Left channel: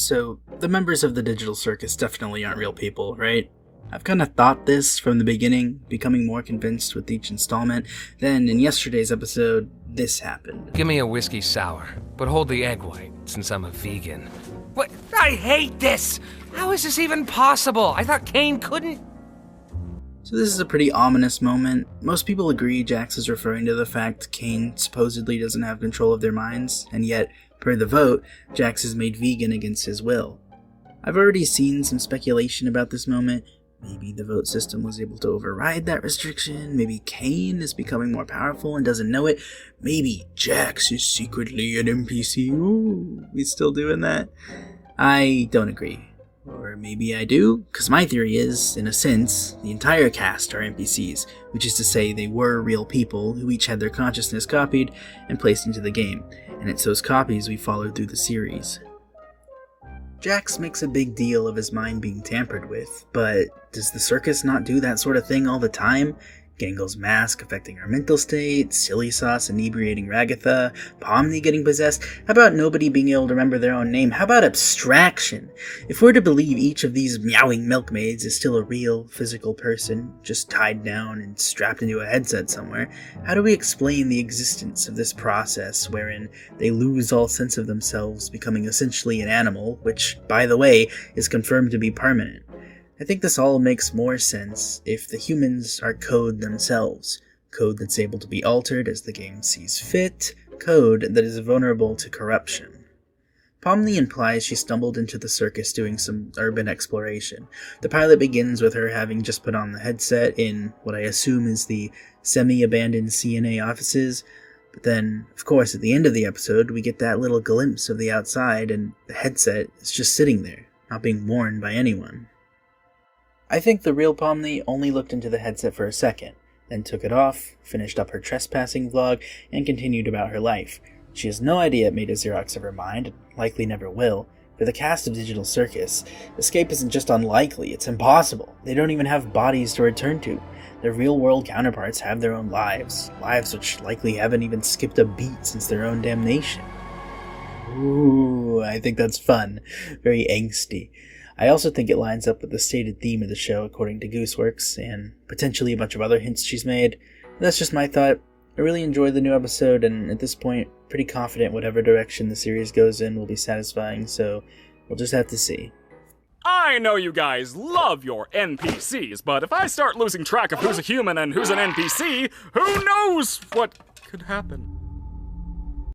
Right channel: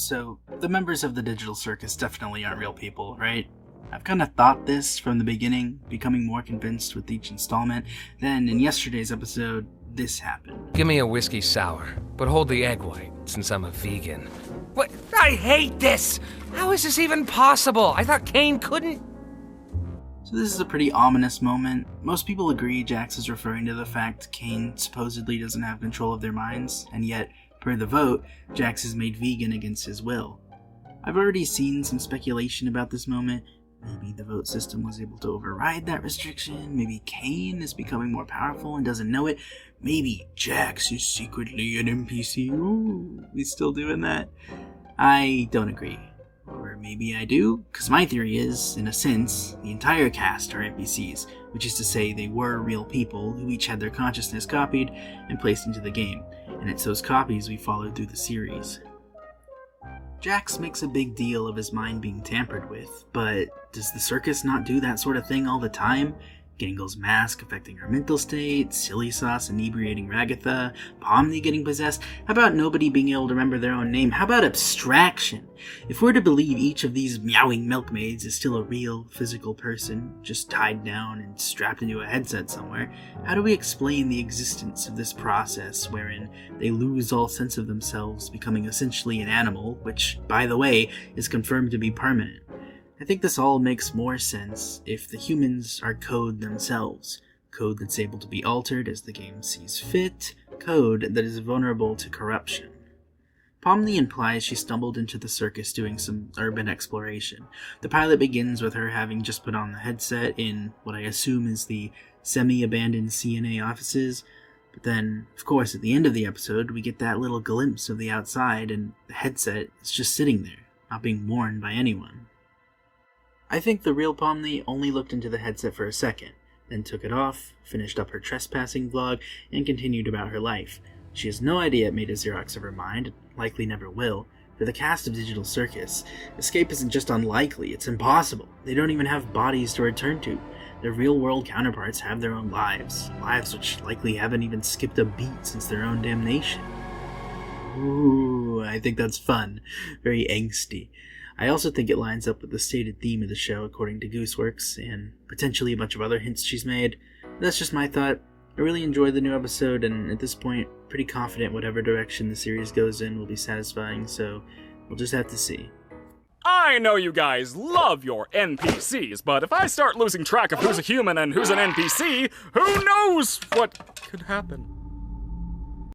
So, the members of the digital circus definitely aren't real people, right? I've kind of thought this from the beginning, becoming more convinced with each installment. Then, in yesterday's episode, this happened. Give me a whiskey sour, but hold the egg white, since I'm a vegan. What? I hate this! How is this even possible? I thought Kane couldn't... So this is a pretty ominous moment. Most people agree Jax is referring to the fact Kane supposedly doesn't have control of their minds, and yet, per the vote, Jax is made vegan against his will. I've already seen some speculation about this moment. Maybe the vote system was able to override that restriction. Maybe Kane is becoming more powerful and doesn't know it. Maybe Jax is secretly an NPC. Ooh, he's still doing that? I don't agree. Or maybe I do, because my theory is, in a sense, the entire cast are NPCs, which is to say they were real people who each had their consciousness copied and placed into the game, and it's those copies we followed through the series. Jax makes a big deal of his mind being tampered with, but does the circus not do that sort of thing all the time? Gangle's mask affecting our mental state, Silly Sauce inebriating Ragatha, Pomni getting possessed. How about nobody being able to remember their own name? How about abstraction? If we're to believe each of these meowing milkmaids is still a real, physical person, just tied down and strapped into a headset somewhere, how do we explain the existence of this process wherein they lose all sense of themselves, becoming essentially an animal, which, by the way, is confirmed to be permanent? I think this all makes more sense if the humans are code themselves. Code that's able to be altered as the game sees fit. Code that is vulnerable to corruption. Pomni implies she stumbled into the circus doing some urban exploration. The pilot begins with her having just put on the headset in what I assume is the semi-abandoned CNA offices. But then, of course, at the end of the episode, we get that little glimpse of the outside and the headset is just sitting there, not being worn by anyone. I think the real Pomni only looked into the headset for a second, then took it off, finished up her trespassing vlog, and continued about her life. She has no idea it made a Xerox of her mind, and likely never will. For the cast of Digital Circus, escape isn't just unlikely, it's impossible. They don't even have bodies to return to. Their real-world counterparts have their own lives which likely haven't even skipped a beat since their own damnation. Ooh, I think that's fun. Very angsty. I also think it lines up with the stated theme of the show according to Gooseworks, and potentially a bunch of other hints she's made. That's just my thought. I really enjoyed the new episode, and at this point, pretty confident whatever direction the series goes in will be satisfying, so we'll just have to see. I know you guys love your NPCs, but if I start losing track of who's a human and who's an NPC, who knows what could happen?